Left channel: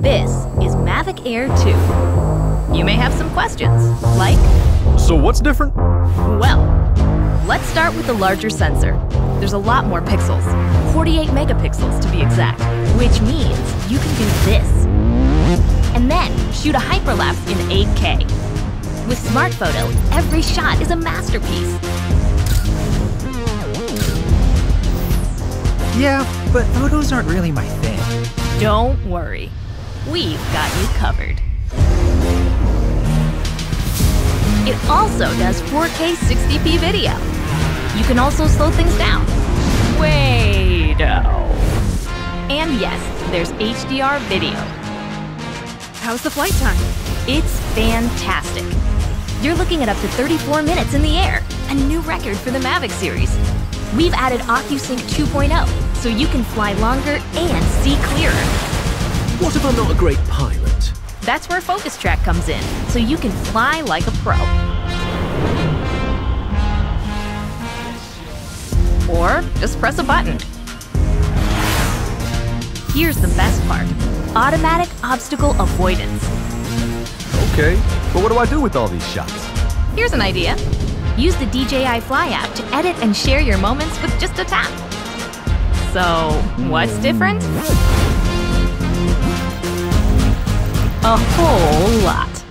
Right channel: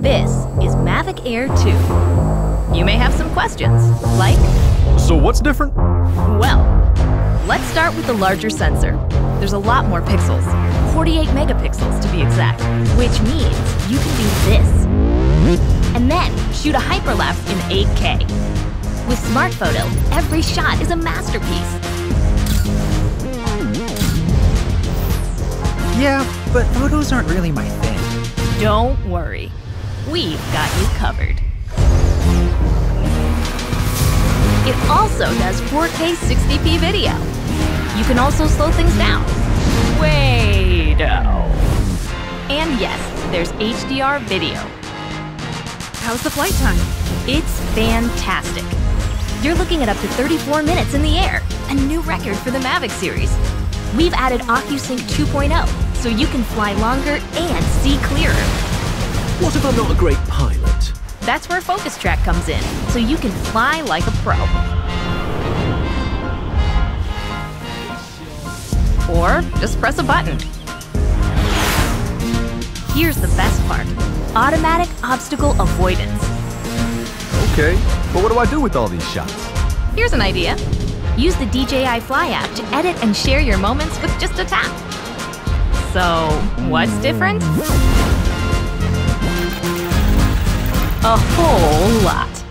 This is Mavic Air 2. You may have some questions, like, So what's different? well, let's start with the larger sensor. There's a lot more pixels, 48 megapixels to be exact, which means you can do this. And then shoot a hyperlapse in 8K. With Smart Photo, every shot is a masterpiece. Yeah, but photos aren't really my thing. Don't worry, we've got you covered. It also does 4K 60p video. You can also slow things down. Way-do. And yes, there's HDR video. How's the flight time? It's fantastic. You're looking at up to 34 minutes in the air, a new record for the Mavic series. We've added OcuSync 2.0, so you can fly longer and see clearer. What if I'm not a great pilot? That's where Focus Track comes in, so you can fly like a pro. Or just press a button. Here's the best part: automatic obstacle avoidance. Okay, but what do I do with all these shots? Here's an idea. Use the DJI Fly app to edit and share your moments with just a tap. So, what's different? A whole lot.